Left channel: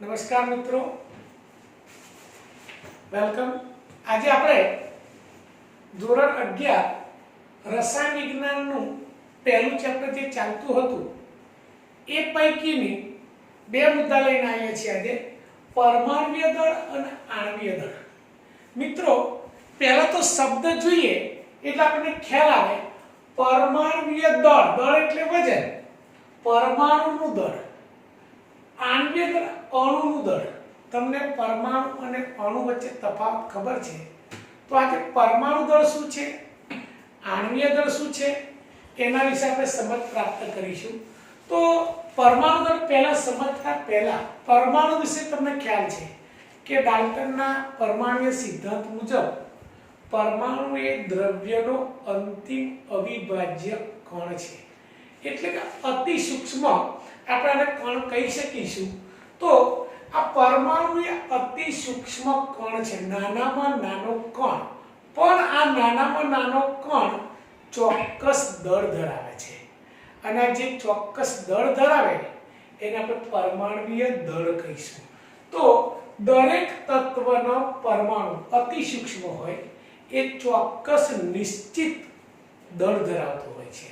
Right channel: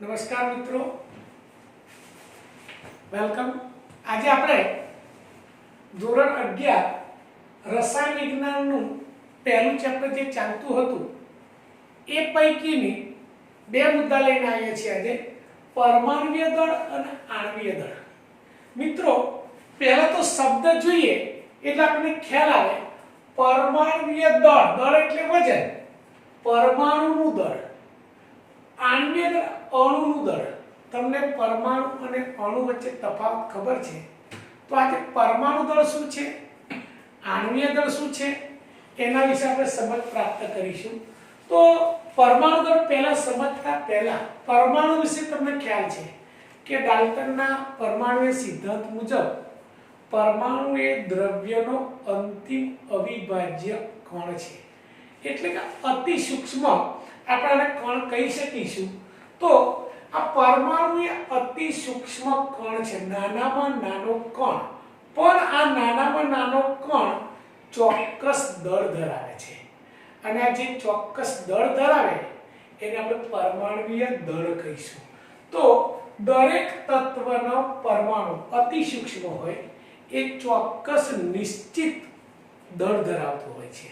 નમસ્કાર મિત્રો, વેલકમ। આજે આપણે ધોરણ 11 રસાયણ વિજ્ઞાનનું પહેલું ચેપ્ટર જે ચાલતું હતું એ પૈકીની બે મુદ્દા લઈને આવ્યા છીએ આજે, પરમાણ્વીય દળ અને આણ્વીય દળ। મિત્રો, પહેલા તો શબ્દ જોઈએ એટલે આપણને ખ્યાલ આવે, પરમાણ્વીય દળ, દળ એટલે વજન, પરમાણુનું દળ, આણ્વીય દળ અણુનું દળ। તમને પરમાણુ અને અણુ વચ્ચે તફાવત ખબર છે તો આજે પરમાણુ દળ શું છે, આણ્વીય દળ શું છે એના વિશે આપણે સમજ પ્રાપ્ત કરીશું। તો પરમાણુ દળ પહેલા સમજતા પહેલા પરમાણુ વિશે તમને ખ્યાલ છે કે ડાલ્ટનના પરમાણુય સિદ્ધાંત મુજબ પરમાણુ એ દ્રવ્યનો અંતિમ અવિભાજ્ય કણ છે, એટલે કે અતિ સૂક્ષ્મ આપણે કણ કહી શકીશું। તો આ પરમાણુ એ અતિ સૂક્ષ્મ કણ છે, નાનામાં નાનો કણ, પણ આ નાનામાં નાનો કણ ચોક્કસ દળ ધરાવે છે અને આ જે ચોક્કસ દળ ધરાવે એને આપણે પરમાણ્વીય દળ કહીશું। તો દરેક તત્વનો પરમાણુ અતિ સૂક્ષ્મ હોય એ ચોક્કસ નિશ્ચિત દળ ધરાવતો હોય છે,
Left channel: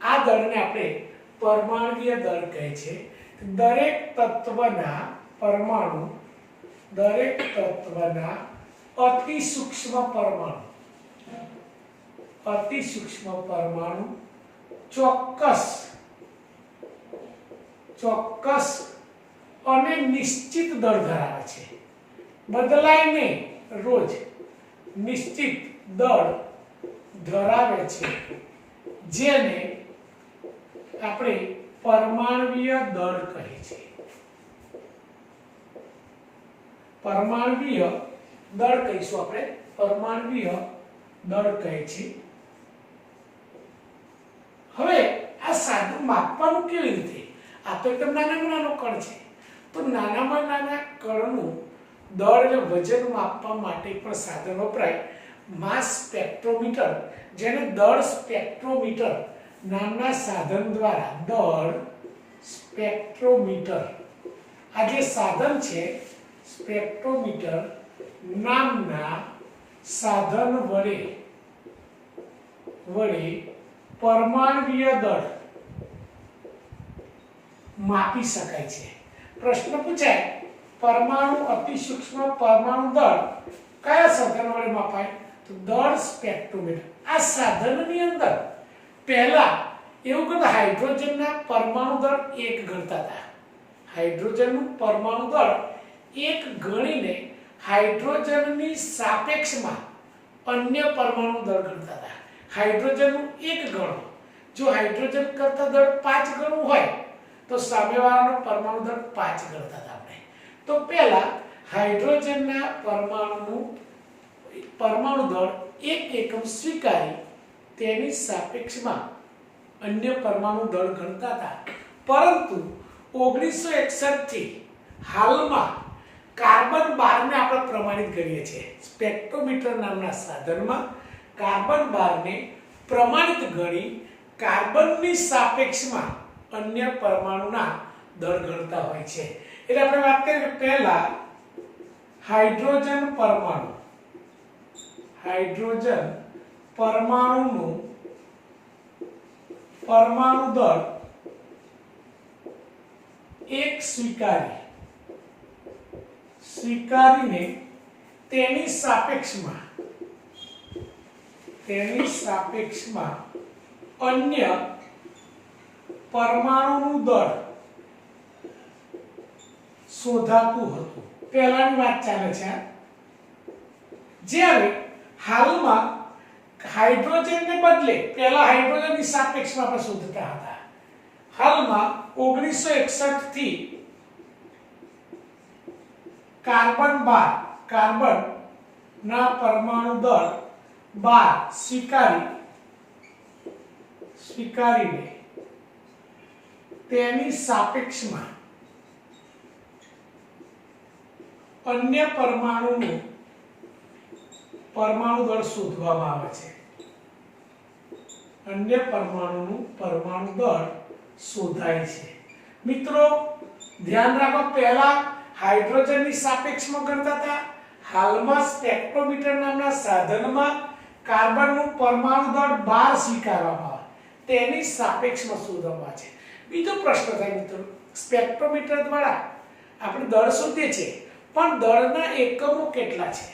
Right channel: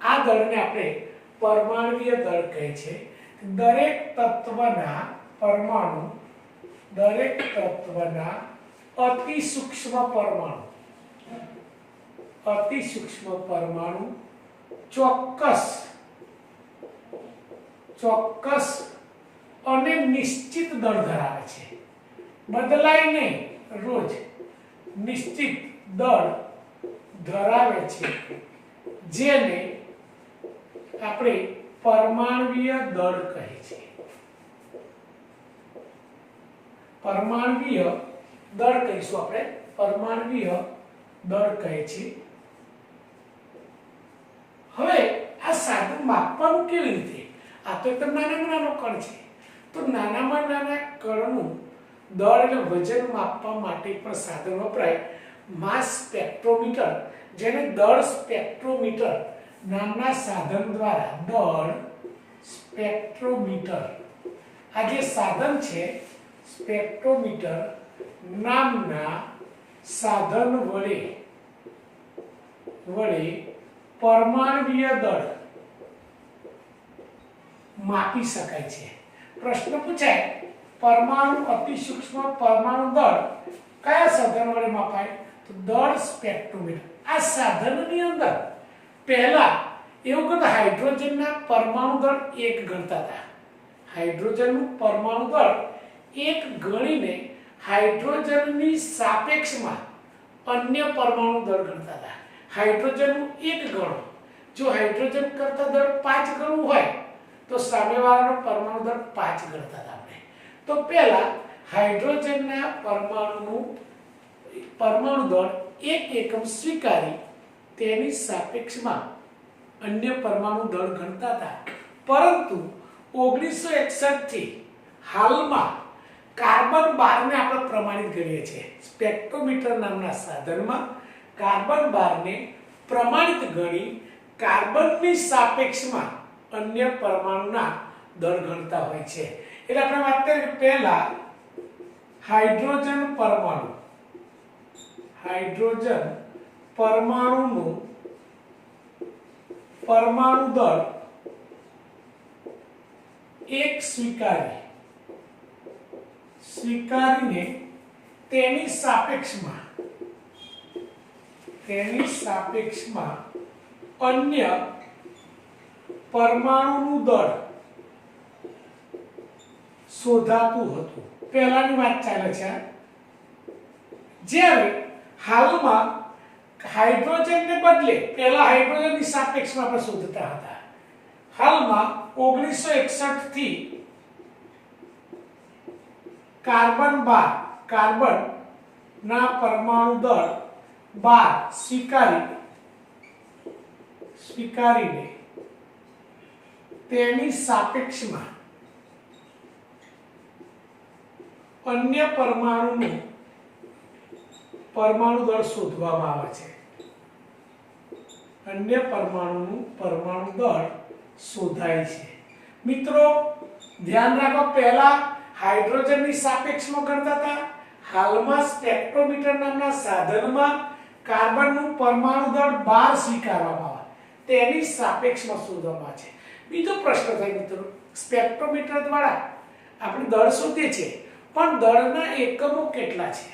આ દળને આપણે પરમાણ્વીય દળ કહે છે। દરેક તત્વના પરમાણુ, દરેક તત્વના અતિ સૂક્ષ્મ પરમાણુ, અતિ સૂક્ષ્મ પરમાણુ ચોક્કસ અને નિશ્ચિત દળ ધરાવે છે, બદલાય નહીં, રોજ નિશ્ચિત દળ ધરાવે છે, જેને આપણે પરમાણ્વીય દળ કહે છે। પરમાણ્વીય દળ કહીશું આપણે, પરમાણ્વીય દળ કહે છે। હવે આ સાધન માપવાનું કેવી રીતે? આ તો એકદમ નાનામાં નાનો કણ છે, તો નાનામાં નાના કણનું દળ એટલે વજન માપવા માટે પણ સાધન વપરાય, માસ સ્પેક્ટ્રોમીટર, જેને દળ સ્પેક્ટ્રોમીટર નામના સાધન દ્વારા, દળ સ્પેક્ટ્રોમીટર, આ જે સાધન છે સ્પેક્ટ્રોમીટર નામના સાધન વડે પરમાણ્વીય દળ માપી શકાય છે। પ્રશ્ન પૂછાય, પરમાણુ અતિ સૂક્ષ્મ પરમાણુ દળ કયા સાધન વડે માપાય? તો દળ સ્પેક્ટ્રોમીટર। આ સાધનની અંદર પહેલા એવું કરતા, હાઇડ્રોજનના પરમાણુ દળ 1 ગણતા હતા, હાઇડ્રોજનનું પરમાણુ દળ 1 ગણીને હાઇડ્રોજનની સાપેક્ષમાં અન્ય પરમાણુ દળ ગણતા હતા। હાઇડ્રોજનનું 1 ગણો, જો હાઇડ્રોજન કરતા દળ 5 ગણું હોય તો સામેવાળાનો પરમાણુ દળ 5 ગણતા હતા આપણે। તો પહેલા હાઇડ્રોજનના પરમાણુ દળ 1 એકમ સ્વીકારી તેની સાપેક્ષમાં અન્ય પરમાણુ દળ ગણતા હતા, પરંતુ 1961 થી હાલમાં કાર્બન 12 ને આપણે પ્રમાણિત કરીએ છીએ। સ્પેક્ટ્રોમીટર નામના સાધનમાં કાર્બન 12 ને પ્રમાણિત ગણી કાર્બનની સાપેક્ષમાં અન્ય પરમાણુના દળ ગણતા હોય છે। એટલે આપણે વાત કરીએ પહેલા હાઇડ્રોજન પરમાણુનું પરમાણુ દળ 1 સ્વીકારીને તેની સાપેક્ષમાં અન્ય પરમાણુનું દળ શોધાતું હતું। પહેલાની વાત ચાલે છે, જ્યારે હાલમાં હાઇડ્રોજનને બદલે પહેલા હાઇડ્રોજનની સાપેક્ષમાં આપણે શોધતા હતા, હાલમાં 1961 થી કાર્બન ના પરમાણુ દળ 12 સ્વીકારીને તેની સાપેક્ષમાં અન્ય પરમાણુ દળ શોધવામાં આવે છે, અન્ય પરમાણુનું પરમાણુ દળ શોધાય છે। મિત્રો ધ્યાન રાખો, પહેલા હાઇડ્રોજનની સાપેક્ષમાં ગણતા હતા. હાલમાં સ્પેક્ટ્રોમીટર નામના સાધનમાં કાર્બનનું પરમાણુ દળ 12 સ્વીકારવામાં આવે તેની સાપેક્ષમાં શોધવામાં છે. બીજો પ્રશ્ન થાય મિત્રો, સ્પેક્ટ્રોમીટર દ્વારા આપણે દળ શોધીએ છીએ પણ દળના એકમો કેટલા છે?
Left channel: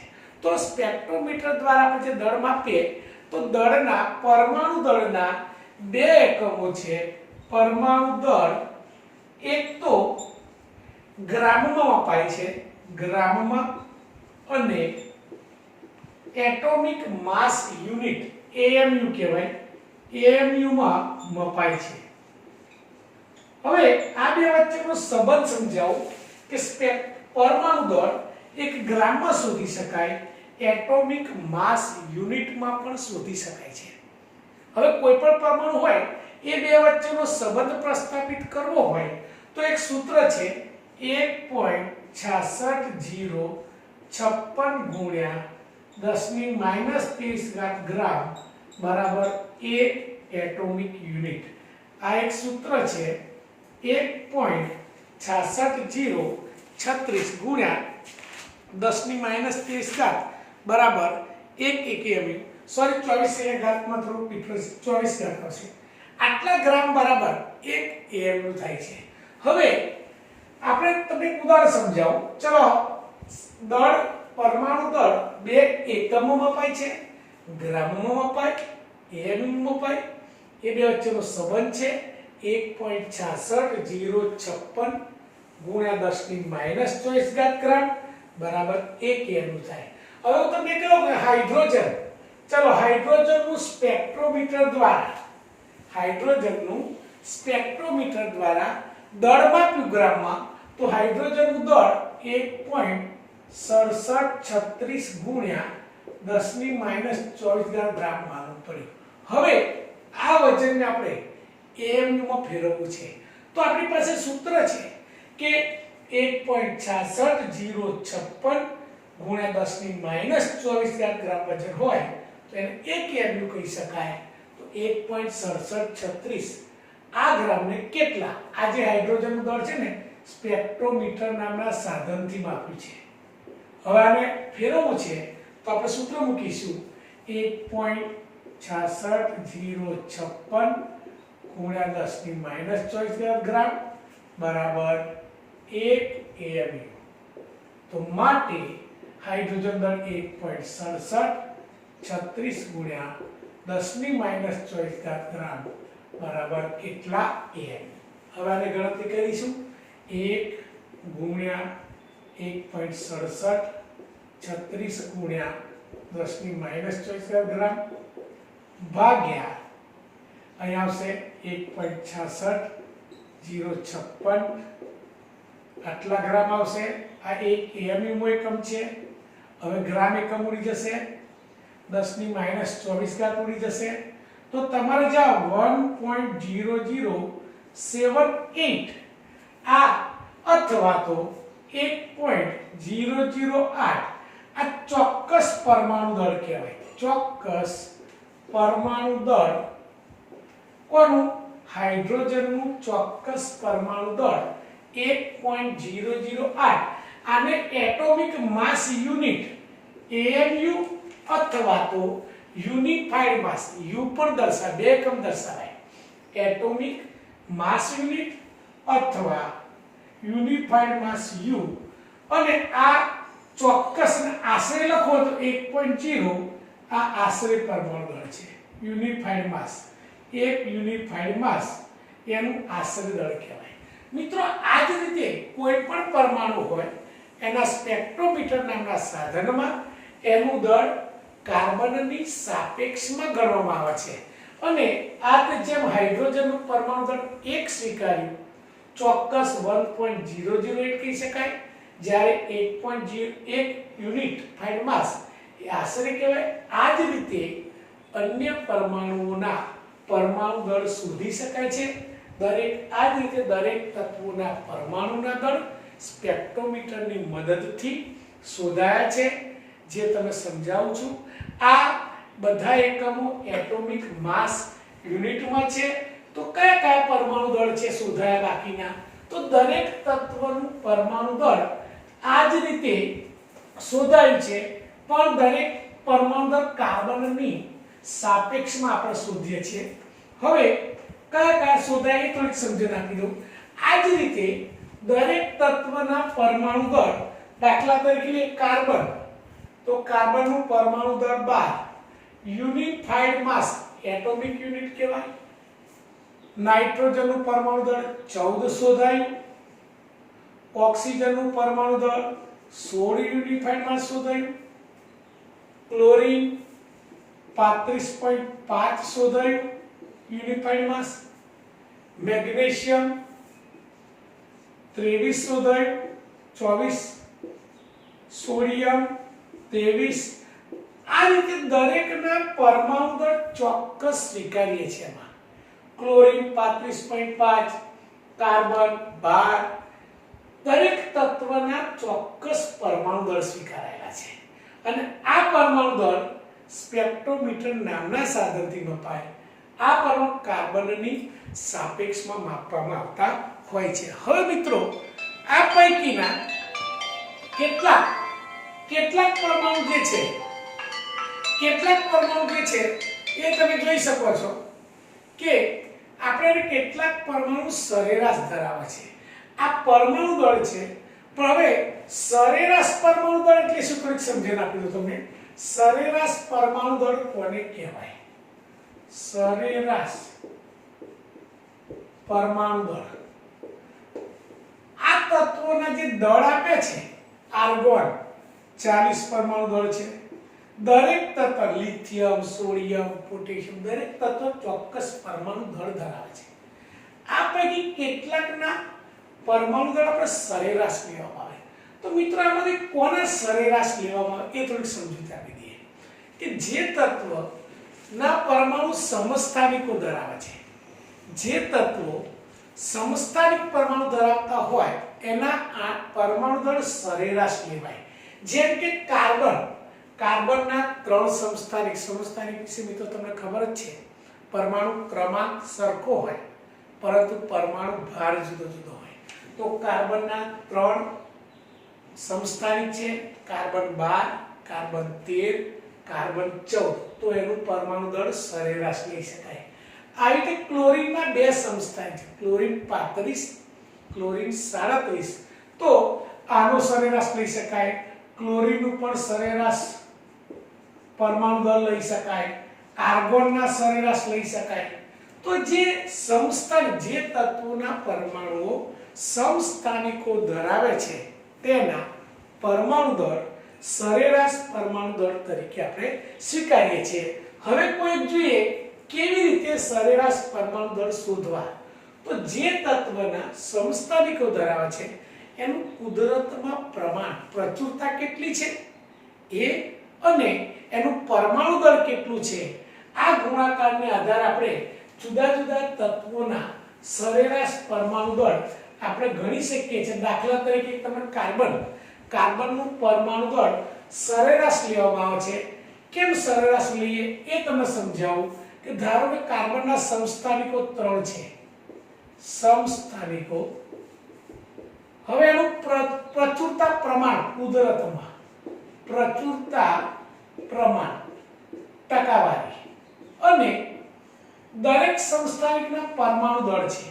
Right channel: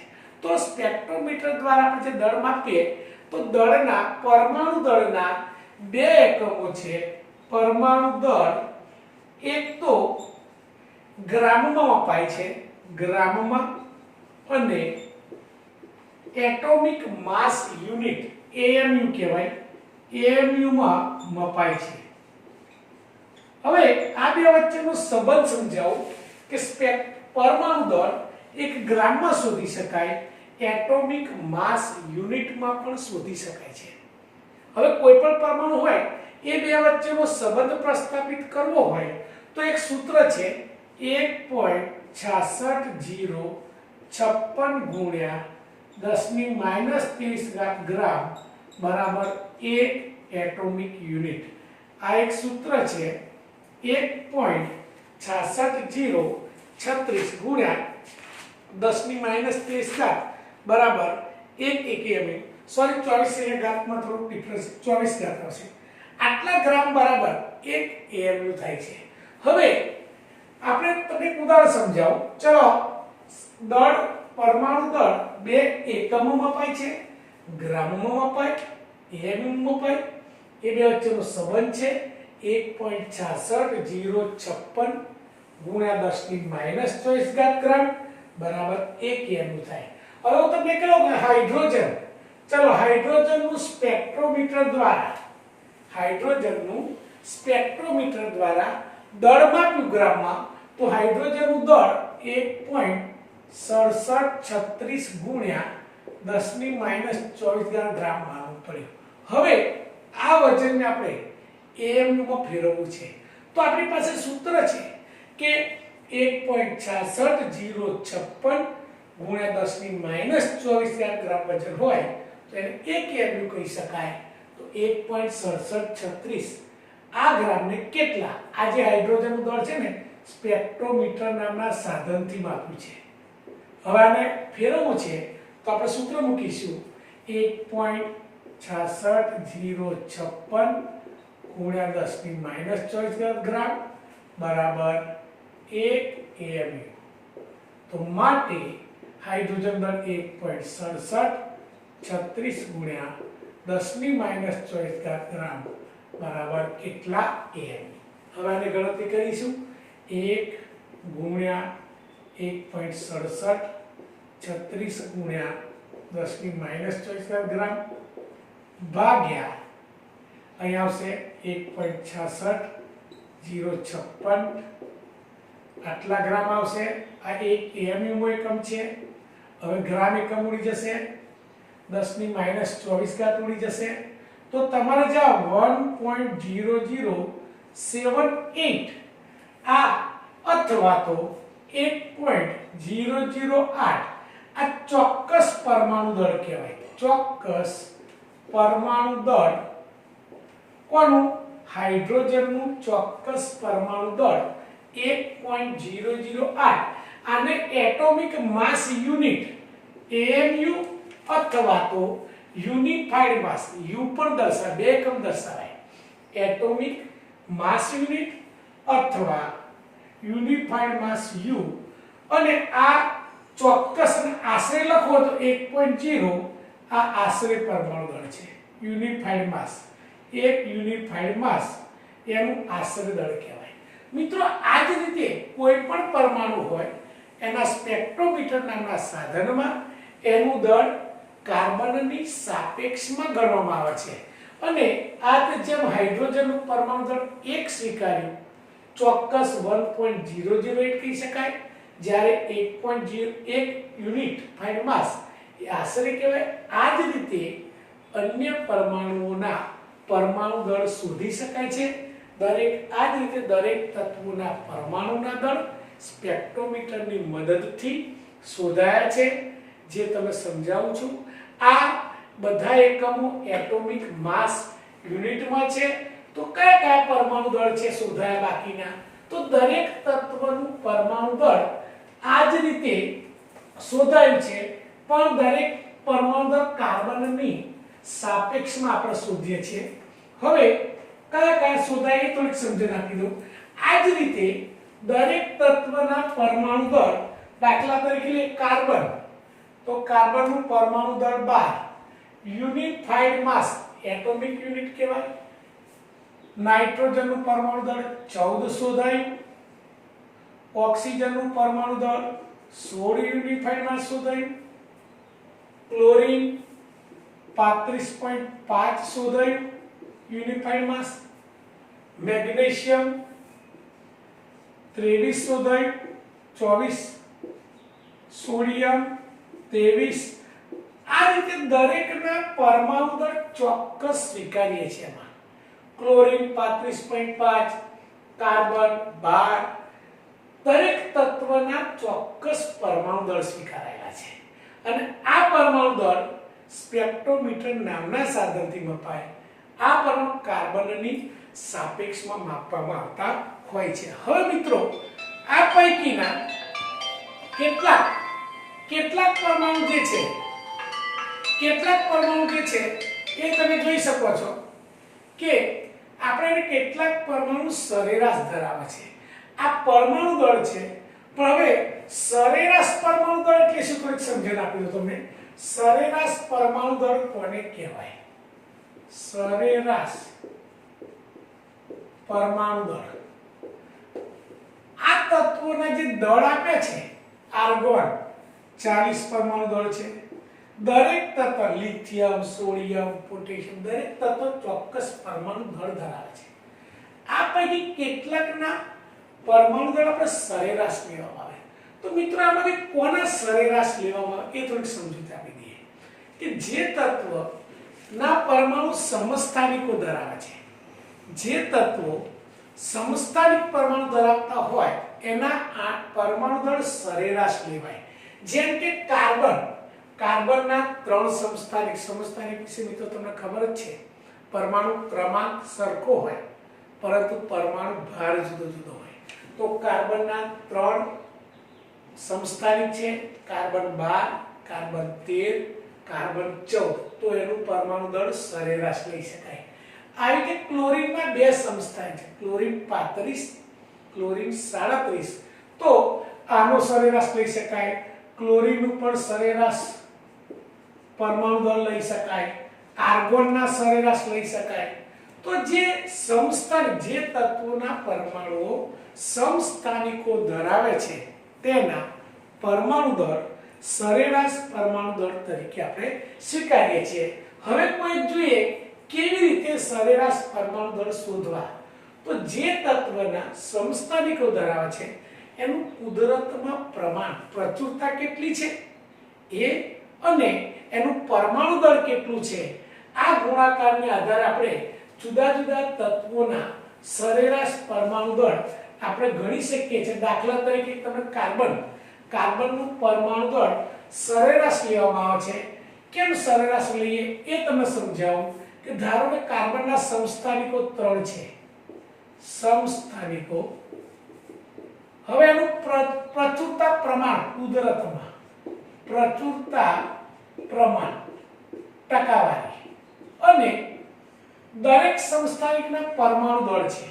તો સ્પેક્ટ્રોમીટર દ્વારા આપણે જે દળ માપીએ તો દળના પરમાણુ દળના બે એકમો છે. પરમાણુ દળ એક તો ગ્રામમાં મપાય છે, ગ્રામમાં, અને એટોમિક માસ યુનિટ AMU કહેવાય, AMU માં મપાય છે. હવે આ બે વચ્ચેનો સંબંધ સમજાવું કે પરમાણુ દળ એક ગ્રામમાં શોધી શકાય, એટોમિક માસ યુનિટમાં પણ શોધી શકાય છે. હવે કોઈ પણ પરમાણુ હોય એ બે વચ્ચેનો સંબંધ પ્રસ્થાપિત કરવો હોય તો એક સૂત્ર છે 1.66056 ગુણ્યા 10⁻³ ગ્રામ બરાબર 1 એટોમિક યુનિટ. આ એક સૂત્ર છે 1.66036 ગુણ્યા 10⁻³ બરાબર 1 એકમ. સોરી 24 અહીંયા ઘાતમાં થોડો ડિફરન્સ 24 ઘાત હશે. આટલા ગ્રામ બરાબર 1 AMU થાય છે. હવે આપણે તમને એક ઉદાહરણ સમજાવું. ચલો, દળ પરમાણુ દળ બે એકમોમાં મપાય છે, ગ્રામમાં મપાય, AMU માં મપાય. એ બે વચ્ચેનો સંબંધ છે 1.66056 ગુણ્યા 10⁻² ગ્રામ બરાબર 1 AMU થાય. હવે હું તમને કહું કે હાઇડ્રોજન, ચલો હાઇડ્રોજનનું સ્પેક્ટ્રોમીટર દ્વારા દળ માપ્યું ગ્રામમાં તો હાઇડ્રોજનનું દળ 1.6736 ગુણ્યા 10⁻² ગ્રામ માનવું પડ્યું. હવે આ વજનને આપણે AMU માં ફેરવવું છે તો આપણી પાસે સૂત્ર છે કે 1.66056 ગુણ્યા 10⁻² ગ્રામ વજન હોય તો એને 1 AMU કહી શકાય. તો 1.6736 આ ગ્રામને કેટલા, આ જે હાઇડ્રોજનનું દળ છે ને સ્પેક્ટ્રોમીટર નામના સાધનથી માપ્યું છે. હવે આને ફેરવવું છે તો આપણે સૂત્ર મૂકીશું 1.66056 ગુણ્યા 10⁻² ગ્રામ બરાબર 1 AMU. તો માટે હાઇડ્રોજન દળ 1.6736 ગુણ્યા 10⁻² ગ્રામ બરાબર કેટલા AMU. હવે આને ગણતરી કરીશું. 1 ગુણ્યા 1.6736 ગુણ્યા 10⁻² ગ્રામ ભાગ્યા અહીંયા આવશે 1.66056 આટલા ગ્રામ આવશે. આ એક AMU નો એકમ છે. હવે ગ્રામ એકમ ઉડી જશે, 10⁻² ઉડી જશે તો તમારે જવાબ 1.0078 આ અથવા તો 1.008 આ ચોક્કસ પરમાણુ દળ કહેવાય. ચોક્કસ પરમાણુ દળ કોનું? હાઇડ્રોજનનું ચોક્કસ પરમાણુ દળ 1.008. આને એટોમિક માસ યુનિટ AMU અથવા તો યુનિફાઈડ માસ U પણ દર્શાવે, બે એકમ દર્શાવાય. એટોમિક માસ યુનિટ અથવા યુનિફાઈડ માસ U. અને આ ચોક્કસ આશરે લખો તો 1.0 આ આશરે પરમાણુ દળ છે. યુનિફાઈડ માસ, એક યુનિફાઈડ માસ એનું આશરે દળ કહેવાય. મિત્રો આ જ રીતે કોઈ પણ પરમાણુ હોય એના સ્પેક્ટ્રોમીટર નામના સાધનમાં એનું દળ કાર્બનની સાપેક્ષમાં ગણવામાં આવે છે. અને આ જેમ હાઇડ્રોજનનું પરમાણુ દળ 1 સ્વીકાર્યું, ચોક્કસ 1.008 કહી શકાય, જ્યારે 1.01 યુનિટ ફાઇડ માસ એ આશરે કહેવાય. આ જ રીતે અન્ય પરમાણુઓના પરમાણુ દળ શોધી શકાય છે. આ જ રીતે દરેક તત્વોના પરમાણુના દળ સ્પેક્ટ્રોમીટરની મદદથી શોધાયા છે, જે તમે સમજાવું છું. આ બધા એકમો એટોમિક માસ યુનિટમાં છે. તો કયા કયા પરમાણુ દળ છે શોધાયા બાકીના? તો દરેક તત્વનું પરમાણુ દળ જ રીતે શોધાયું છે, પણ દરેક પરમાણુ દર કાર્બનની સાપેક્ષમાં આપણે શોધીએ છીએ. હવે કયા કયા શોધાય એ થોડીક સમજણ આપી દઉં. આ જ રીતે દરેક તત્વના પરમાણુ દર, દાખલા તરીકે કાર્બન, તો કાર્બનનું પરમાણુ દર 12, યુનિફાઈડ માસ એટોમિક યુનિટ કહેવાય. નાઇટ્રોજનનું પરમાણુ દર 14 શોધાયું. ઓક્સિજનનું પરમાણુ દર 16 યુનિફાઈડ માસ શોધાયું. ક્લોરીન 35.5 શોધાયું યુનિફાઈડ માસ. મેગ્નેશિયમ 23 શોધાયું 24. સોડિયમ 23. આ રીતે દરેકના પરમાણુ દર ચોક્કસ સ્વીકારીએ છીએ. એમાં ક્લોરીન 35.5, કાર્બન 12, દરેક તત્વના ચોક્કસ પરમાણુ દળ સ્વીકારાયેલા છે. અને આ પરમાણુ દળ સ્પેક્ટ્રોમીટર નામના સાધનથી મપાય. આ પરમાણુ કાર્બનની સાપેક્ષમાં માપવામાં આવતા હોય છે. હવે મિત્રો, આ પૈકીના કેટલાક પરમાણુ જે છે, એ તમે જોઈ શકો છો કે આપણે કેટલાક પરમાણુ સરેરાશ ધરાવે છે. આ પરમાણુ દળ છે. પણ હવે સરેરાશ પરમાણુ દળ એટલે શું, થોડીક સમજણ આપી દઉં તમને. સરેરાશ પરમાણુ દળ કોને કહેવાય? સરેરાશ પરમાણુ દળ આ તત્વોના જે દળ આપે છે. આર્ગોન 40 પરમાણુ દળ છે. દરેક તત્વ, લિથિયમ, સોડિયમ, પોટેશિયમ, દરેક તત્વ ચોક્કસ પરમાણુ દળ ધરાવે છે. આ પૈકી કેટલાકના પરમાણુ દળ આપણે સરેરાશ લેવામાં આવે. તો મિત્રો, આમાંથી કોના સરેરાશ લેવામાં આવે એ થોડીક સમજૂતી આપી દઈએ. કે જે તત્વના પરમાણુ સમસ્થાનિકો ધરાવે છે, જે તત્વો સમસ્થાનિક પરમાણુ ધરાવતા હોય એના પરમાણુ દળ સરેરાશ લેવાય. જેમ કે કાર્બનના 3 સમસ્થાનિક વિશે મિત્રો તમને ખબર જ છે. પરમાણુ ક્રમાંક સરખો હોય પરંતુ પરમાણુ ભાર જુદો જુદો હોય. તો કાર્બનના 3 સમસ્થાનિક છે, કાર્બન 12, કાર્બન 13, કાર્બન 14. તો એનું પરમાણુ દળ સરેરાશ લઈ શકાય. આવી રીતે ક્લોરીનના 2 સમસ્થાનિક છે, ક્લોરીન 35, ક્લોરીન 37. તો આનો સરેરાશ લઈ શકાય. ક્લોરીનનું પણ સરેરાશ પરમાણુ દળ લઈ શકાય. આર્ગોનના સરેરાશ લઈ શકાય. તો જે તત્વોના પરમાણુઓ સમસ્થાનિકો ધરાવે છે તેના પરમાણુ દળ સરેરાશ પરમાણુ દળ તરીકે આપણે સ્વીકારીએ છીએ. હવે કોઈ જોઈએ કેવી રીતે સરેરાશ પરમાણુ દળ શોધવા. તો જે તત્વના સમસ્થાનિકો ધરાવે છે એનું કુદરતમાં પ્રમાણ, પ્રચુરતા કેટલી છે એ, અને એનું પરમાણુ દળ કેટલું છે, આ ગુણાકારને આધારે આપણે જુદા જુદા તત્વોના સરેરાશ પરમાણુ દળ આપણે ગણી શકીએ છીએ. દાખલા તરીકે તમને કાર્બનનું પરમાણુ દળ સરેરાશ લેવામાં આવે છે. કેમ સરેરાશ લઈએ એ તમને સમજાવું. કે ધારો કે કાર્બનના સમસ્થાનિકો 3 છે. સમસ્થાનિકો, હવે એનું પ્રચુરતા પ્રમાણ, કુદરતમાં પ્રચુરતા પ્રમાણ, ટકાવારી, અને દરેક સમસ્થાનિકના પરમાણુ દળ છે.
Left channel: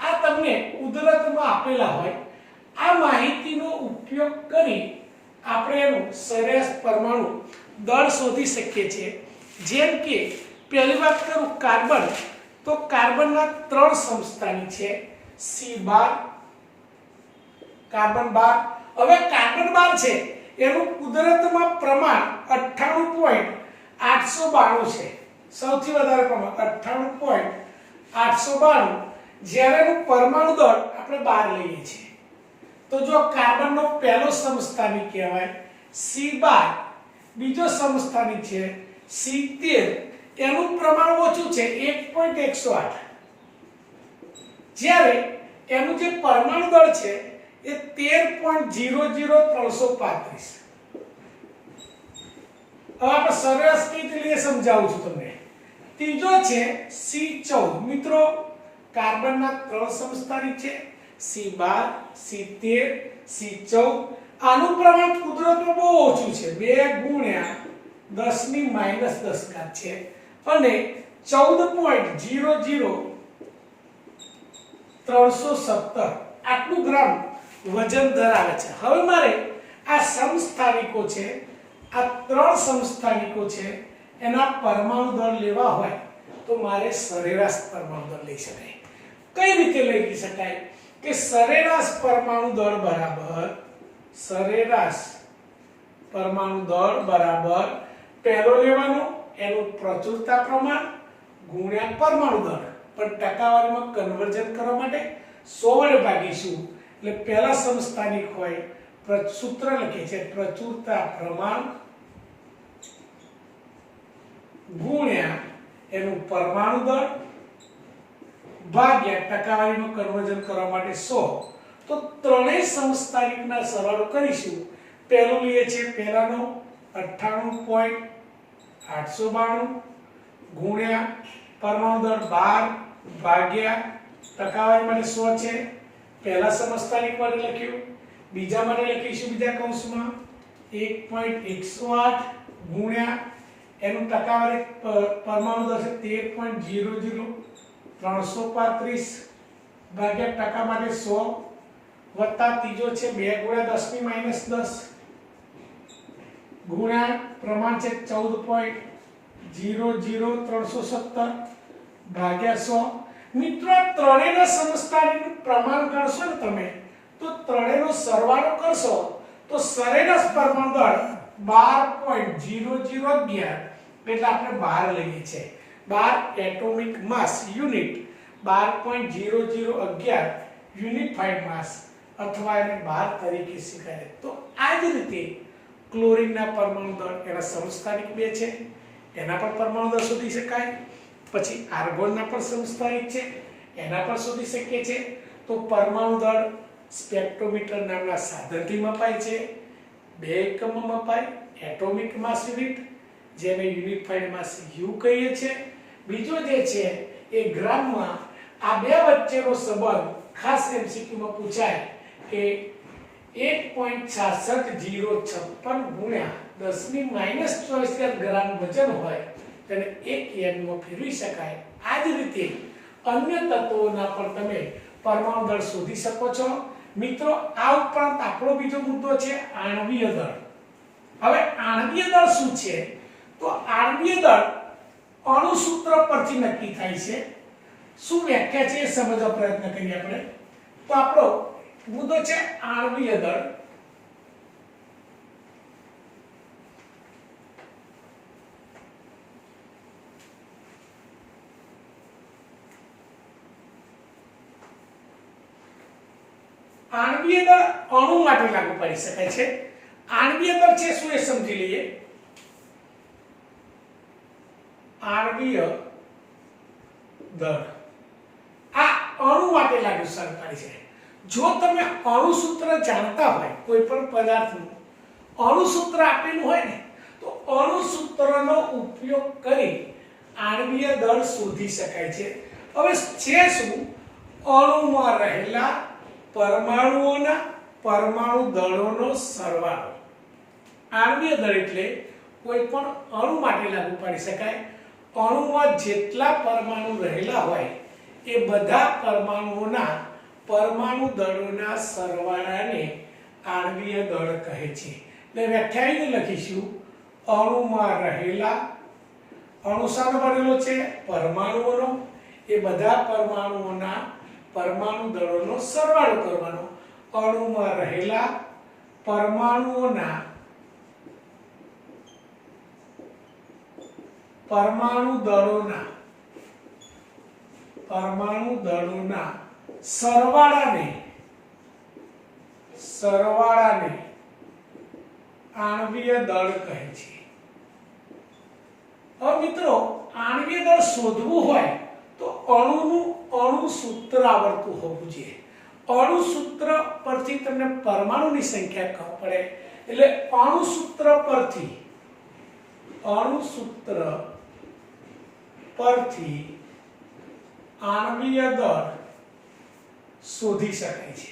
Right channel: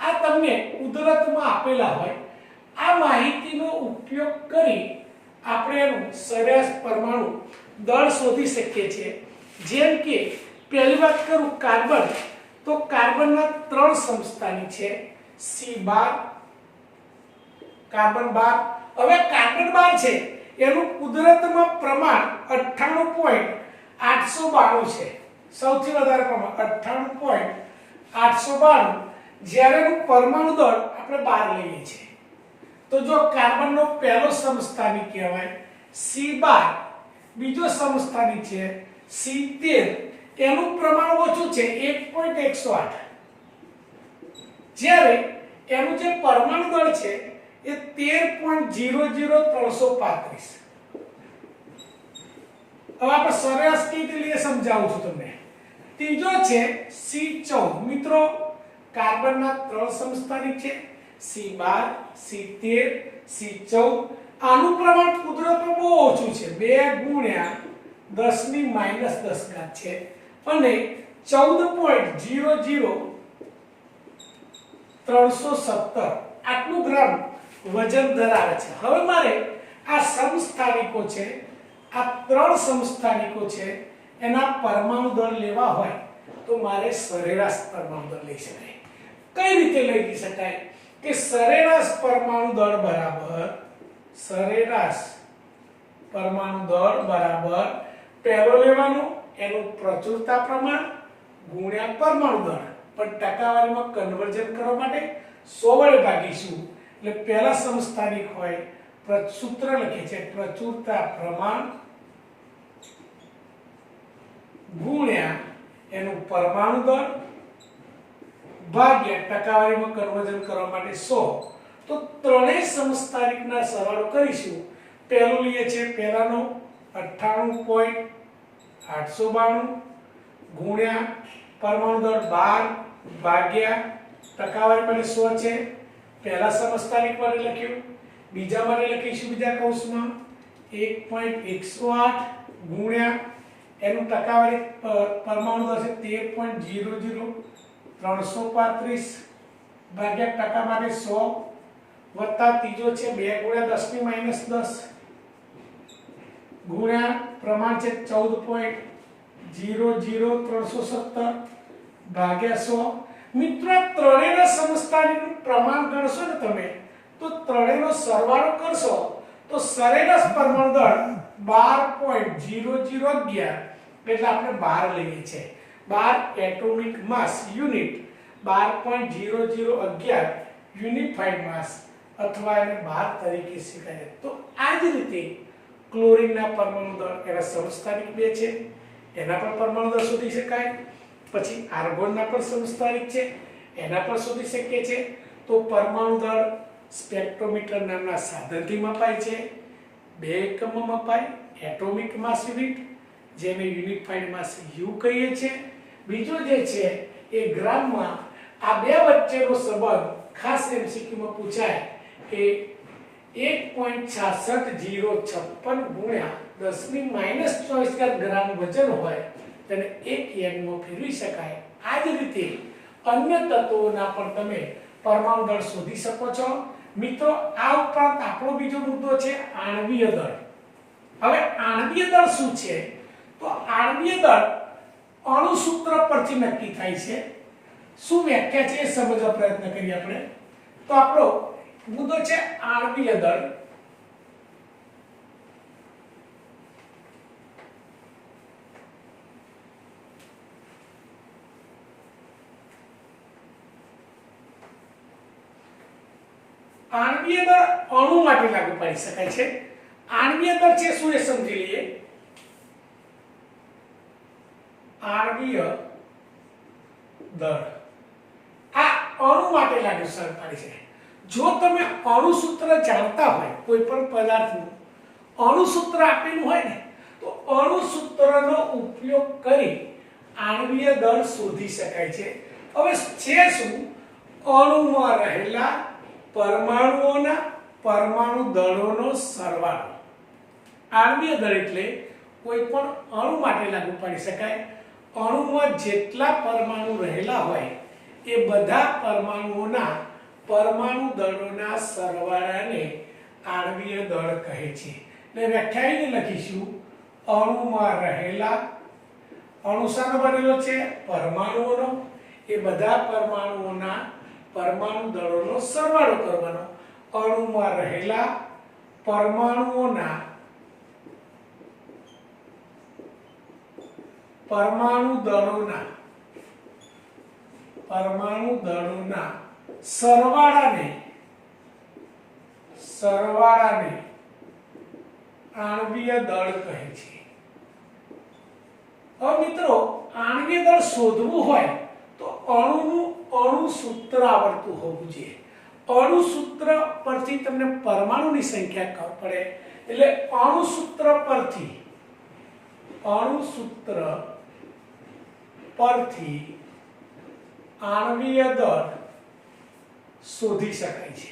આ તમને કુદરતમાં આપેલા હોય. આ માહિતીનો ઉપયોગ કરી આપણે એનું સરેરાશ પરમાણુ દળ શોધી શકીએ છીએ. જેમ કે પહેલી વાત કરું કાર્બન, તો કાર્બનના 3 સમસ્થાનિક છે, C12, કાર્બન 12. હવે કાર્બન 12 છે એનું કુદરતમાં પ્રમાણ 98.892 છે. સૌથી વધારે પ્રમાણ 98.892. જ્યારે એનું પરમાણુ દળ આપણે 12 લઈએ છીએ. તો જો કાર્બનનો પહેલો સમસ્થાનિક કહેવાય C12, બીજો સમસ્થાનિક છે C13, એનું પ્રમાણ ઓછું છે 1.108. જ્યારે એનું જે પરમાણુ દળ છે એ 13.00335. હવે આપણે સરેરાશ કઈ રીતે લઈએ સમજાવું છું તમને. ત્રીજો છે C14. મિત્રો, કાર્બનના 3 સમસ્થાનિક છે, C12 C13 C14 આનું પ્રમાણ કુદરતમાં બહુ ઓછું છે 2 ગુણ્યા 10 ની માઈનસ 10 ઘાત છે અને 14.00317 આટલું ગ્રામ વજન ધરાવે છે। હવે મારે આ સમસ્થાનિકો છે આ 3 સમસ્થાનિકો છે એના પરમાણુ દળ લેવા હોય તો મારે સરેરાશ પરમાણુ દળ લઈ શકાય। કઈ રીતે લઈ શકાય કે સરેરાશ પરમાણુ દળ બરાબર સરેરાશ પરમાણુ દળ બરાબર પહેલો લેવાનો એનું પ્રચુરતા પ્રમાણ ગુણ્યા પરમાણુ દળ પણ ટકાવારીમાં કન્વર્ઝન કરવા માટે 100 વડે ભાગીશું એટલે પહેલા સમસ્થાનિક હોય સૂત્ર લખે છે પ્રચુરતા પ્રમાણ ગુણ્યા એનું પરમાણુ દળ ભાગ્યા ટકાવારીમાં કન્વર્ઝન કરવા માટે 100 તો ત્રણેય સમસ્થાનિકના સરવાળો કરીશું। પહેલું લઈએ છે પહેલાનો 98.892 ગુણ્યા પરમાણુ દળ 12 ભાગ્યા ટકાવારી માટે 100 છે પહેલા સમસ્થાનિક માટે લખ્યું બીજા માટે લખીશું બીજા કૌંસમાં 1.108 ગુણ્યા એનું ટકાવારી પરમાણુ દળ છે 13.00335 ભાગ્યા ટકા માટે 100 વત્તા ત્રીજો છે 2 ગુણ્યા 10 ની માઈનસ 10 ગુણ્યા પ્રમાણ છે 14.00317 ભાગ્યા 100 મિત્રો ત્રણેયના સમસ્થાનિકનું પ્રમાણ ગણશો ને તમે તો ત્રણેયનો સરવાળો કરશો તો સરેરાશ પરમાણુ દળ 12.0011 એટલે આપણે 12 લઈએ છે 12 એટોમિક માસ યુનિટ 12.0011 યુનિફાઈડ માસ અથવા એને 12 તરીકે સ્વીકારે। તો આ જ રીતે ક્લોરીનના પરમાણુ દળ એના સમસ્થાનિક 2 છે એના પર પરમાણુ દળ શોધી શકાય। પછી આર્ગોનના પર સમસ્થાનિક છે એના પર શોધી શકીએ છે। તો પરમાણુ દળ સ્પેક્ટ્રોમીટર નામના સાધનથી મપાય છે 2 એકમમાં મપાય એટોમિક માસ યુનિટ જેને યુનિફાઈડ માસ U કહીએ છીએ। બીજો જે છે એ ગ્રામમાં આ બે વચ્ચેનો સંબંધ ખાસ એમસીક્યુમાં પૂછાય કે 1.66056 ગુણ્યા 10 ની માઈનસ 24 ગ્રામ વજન હોય તેને 1 એમમાં ફેરવી શકાય। આ જ રીતે અન્ય તત્વોના પણ તમે પરમાણુ દળ શોધી શકો છો। મિત્રો આ ઉપરાંત આપણો બીજો મુદ્દો છે આણ્વીય દળ। હવે આણ્વીય દળ શું છે તો આણ્વીય દળ અણુ સૂત્ર પરથી નક્કી થાય છે। શું વ્યાખ્યા છે એ સમજવા પ્રયત્ન કરીએ આપણે। તો આપણો મુદ્દો છે આણ્વીય દળ। આણ્વીય દળ અણુ માટે લાગુ પાડી શકાય છે। આણ્વીય દળ છે શું એ સમજી લઈએ। આણ્વીય દળ આ અણુ માટે લાગુ પાડી છે। જો તમે અણુ સૂત્ર જાણતા હોય કોઈ પણ પદાર્થનું અણુ સૂત્ર આપેલું હોય ને તો અણુ સૂત્રનો ઉપયોગ કરી આણ્વીય દળ શોધી શકાય છે। હવે છે શું અણુમાં રહેલા પરમાણુઓના પરમાણુ દળોનો સરવાળો। આણ્વીય દળ એટલે કોઈ પણ અણુ માટે લાગુ પાડી શકાય। અણુમાં જેટલા પરમાણુ રહેલા હોય એ બધા પરમાણુઓના પરમાણુ દળોના સરવાળાને આણ્વીય દળ કહે છે। એટલે વ્યાખ્યાને લખીશું અણુમાં રહેલા અણુ શાનો બનેલો છે પરમાણુઓનો એ બધા પરમાણુઓના પરમાણુ દળોનો સરવાળો કરવાનો। અણુમાં રહેલા પરમાણુઓના પરમાણુ દળોના સરવાળાને આણ્વીય દળ કહે છે। હવે મિત્રો આણ્વીય દળ શોધવું હોય તો અણુનું અણુ સૂત્ર આવડતું હોવું જોઈએ। અણુ સૂત્ર પરથી તમને પરમાણુની સંખ્યા ખબર પડે એટલે અણુ સૂત્ર પરથી આણ્વીય દળ શોધી શકાય છે.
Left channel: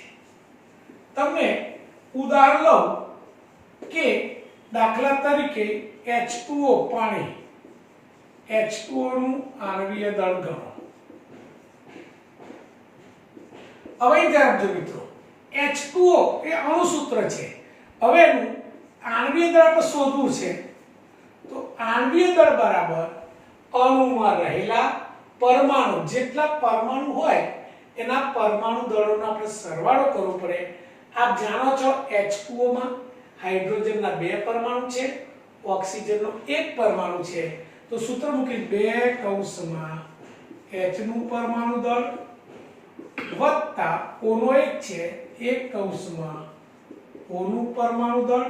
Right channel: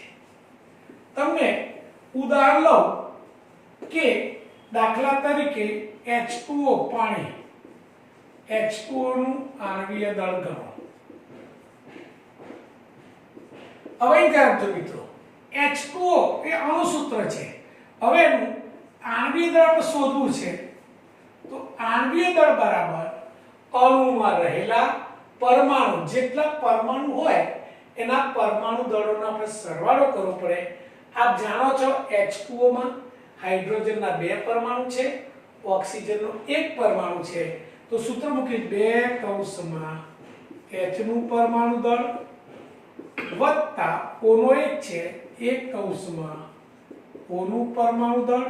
તમને ઉદાહરણ લઉં કે દાખલા તરીકે H2O પાણી, H2O નું આણ્વીય દળ ગણો. હવે ધ્યાન આપજો મિત્રો, H2O એ અણુસૂત્ર છે. હવે એનું આણ્વીય દળ આપણે શોધવું છે. તો આણ્વીય દળ બરાબર અણુમાં રહેલા પરમાણુ, જેટલા પરમાણુ હોય એના પરમાણુ દળોનો આપણે સરવાળો કરવો પડે. આપ જાણો છો H2O માં હાઇડ્રોજનના 2 પરમાણુ છે, ઓક્સિજનનો 1 પરમાણુ છે. તો સૂત્ર મૂકી 2 કૌંસમાં H નું પરમાણુ દળ વત્તા O નો 1 છે, 1 કૌંસમાં O નું પરમાણુ દળ.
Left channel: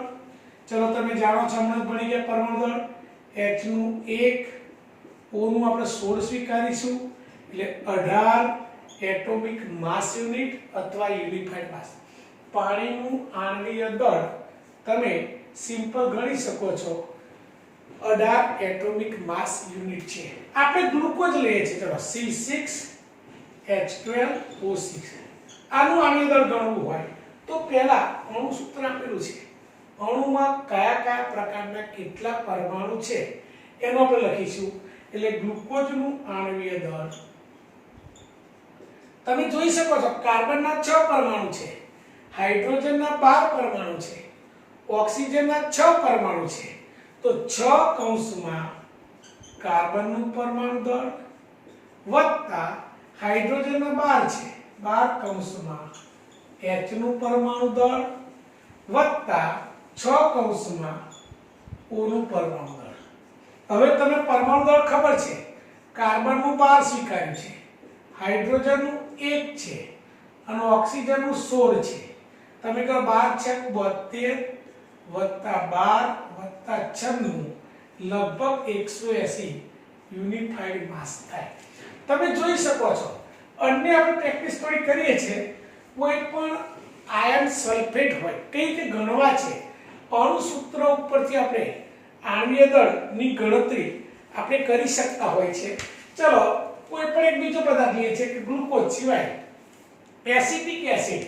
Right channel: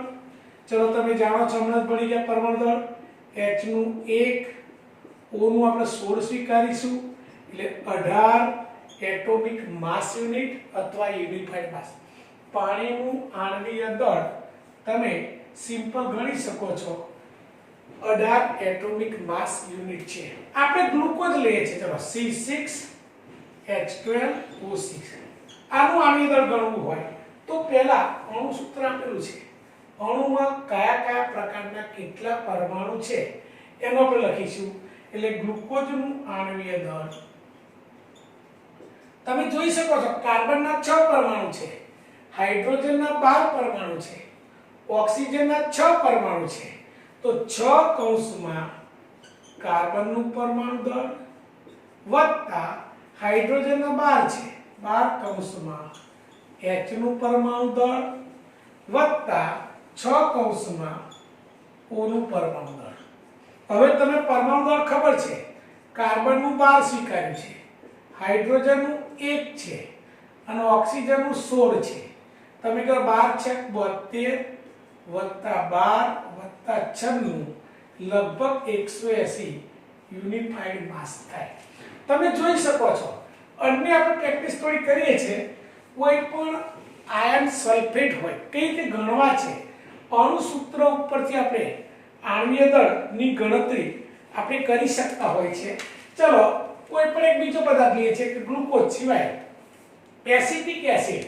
ચલો તમે જાણો છો, હમણાં જ ભણી ગયા પરમાણુ દળ. H નું 1, O નું આપણે 16 સ્વીકારીશું એટલે 18 એટોમિક માસ યુનિટ અથવા યુનિફાઈડ માસ. પાણીનું આણ્વીય દળ તમે સિમ્પલ ગણી શકો છો, 18 એટોમિક માસ યુનિટ છે. આપણે ગ્લુકોઝ લઈએ છીએ. ચલો C6H12O6 આનું આણ્વીય દળ ગણવું હોય તો પહેલા અણુ સૂત્ર આપેલું છે. અણુમાં કયા કયા પ્રકારના કેટલા પરમાણુ છે એનો આપણે લખીશું. એટલે ગ્લુકોઝનું આણ્વીય દળ તમે જોઈ શકો છો, કાર્બનના 6 પરમાણુ છે, હાઇડ્રોજનના 12 પરમાણુ છે, ઓક્સિજનના 6 પરમાણુ છે. તો 6 કૌંસમાં કાર્બનનું પરમાણુ દળ વત્તા હાઇડ્રોજનના 12 છે, 12 કૌંસમાં H નું પરમાણુ દળ વત્તા 6 કૌંસમાં O નું પરમાણુ દળ. હવે તમને પરમાણુ દળ ખબર છે, કાર્બનનું 12 સ્વીકાર્યું છે, હાઇડ્રોજનનું 1 છે અને ઓક્સિજનનું 16 છે. તમે કહો 12 × 72 વત્તા 12 વત્તા 96 લગભગ 180 યુનિફાઈડ માસ થાય. તમે જોઈ શકો છો, અન્ય આપણે પ્રેક્ટિસ થોડી કરીએ છીએ. કોઈ પણ આયર્ન સલ્ફેટ હોય કઈ રીતે ગણવા છે, અણુ સૂત્ર ઉપરથી આપણે આણ્વીય દળની ગણતરી આપણે કરી શકતા હોય છે. ચલો કોઈ પણ એક બીજો પદાર્થ લઈએ છીએ કે ગ્લુકોઝ સિવાય એસિટિક એસિડ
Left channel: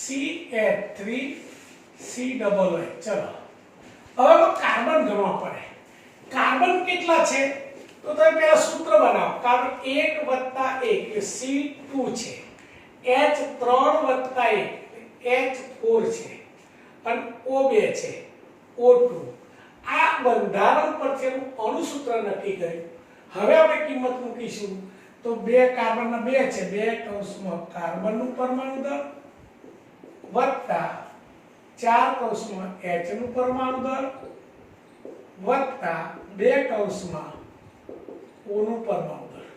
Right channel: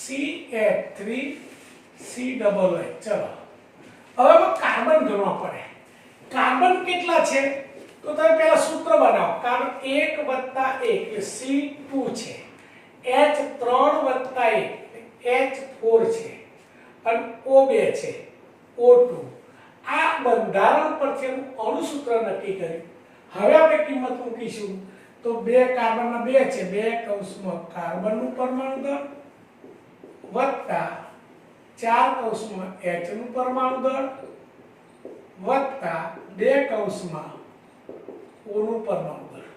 CH3COO. ચલો હવે કાર્બન ગણવા પડે. કાર્બન કેટલા છે તો તમે પહેલા સૂત્ર બનાવો. કાર્બન 1 + 1 એટલે C2 છે, H3 + 1 H4 છે અને O2 છે, O2. આ બંધારણ પરથી અણુ સૂત્ર નક્કી કર્યું. હવે આપણે કિંમત મૂકીશું. તો 2 કાર્બનના 2 છે, 2 કૌંસમાં કાર્બનનું પરમાણુ દળ વત્તા 4 કૌંસમાં H નું પરમાણુ દળ વત્તા 2 કૌંસમાં O નું પરમાણુ દળ.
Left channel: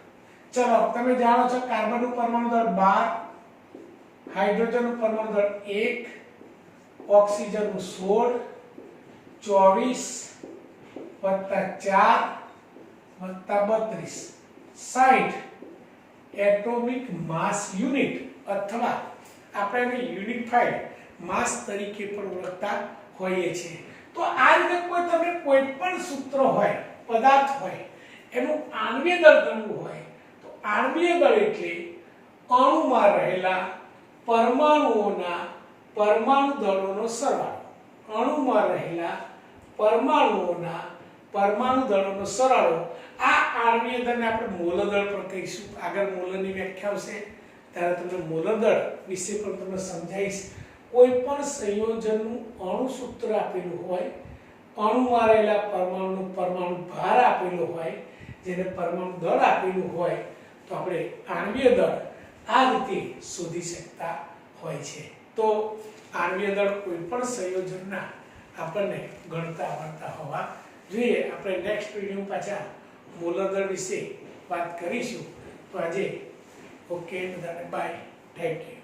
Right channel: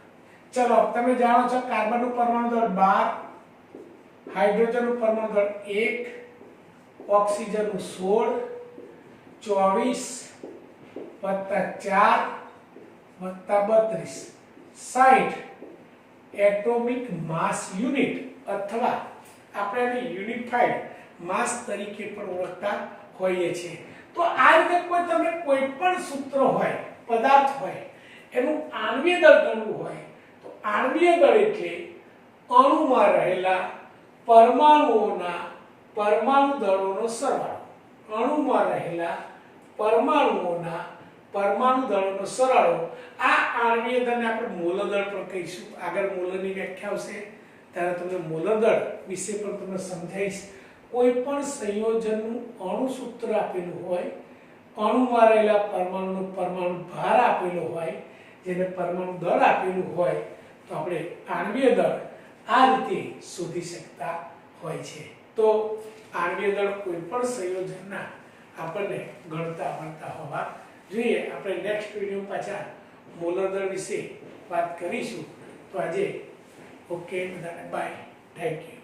ચલો તમે જાણો છો કાર્બનનું પરમાણુ દળ 12, હાઇડ્રોજનનું પરમાણુ દળ 1, ઓક્સિજનનું 16, 24 વત્તા 4 વત્તા 32 60 એટોમિક માસ યુનિટ અથવા આપણે આને યુનિફાઈડ માસ તરીકે પણ ઓળખતા હોઈએ છીએ. તો આ રીતે કોઈ પણ સૂત્ર હોય, પદાર્થ હોય, એનું આણ્વીય દળ ગણવું હોય તો આણ્વીય દળ એટલે અણુમાં રહેલા પરમાણુઓના પરમાણુ દળોનો સરવાળો. અણુમાં રહેલા પરમાણુઓના પરમાણુ દળોનો સરવાળો. આ આણ્વીય દળને આપણે મોલ દળ પણ કહીશું. આગળ મોલની વ્યાખ્યા આવશે ત્યારે તમને મોલ દળ વિશે પણ તમને સમજાવીશ. કોઈ પણ સંયોજનનું અણુ સૂત્ર આપેલું હોય, અણુમાં રહેલા પરમાણુનો પરમાણુ ભાર આપેલો હોય, જેને પરમાણુ દળ આપેલું હોય તો આપણે આણ્વીય દળ આ રીતે શોધી શકતા હોય છે. તો આણ્વીય દળ કોઈ પણ સંયોજનના આપણને ગણતા આવડતા હોવા જોઈએ. આપણે નેક્સ્ટ વિડીયો પાછા મોલર દળ વિશે વાત કરીશું. તો આજે ઓકે, બધાને બાય, થેન્ક યુ.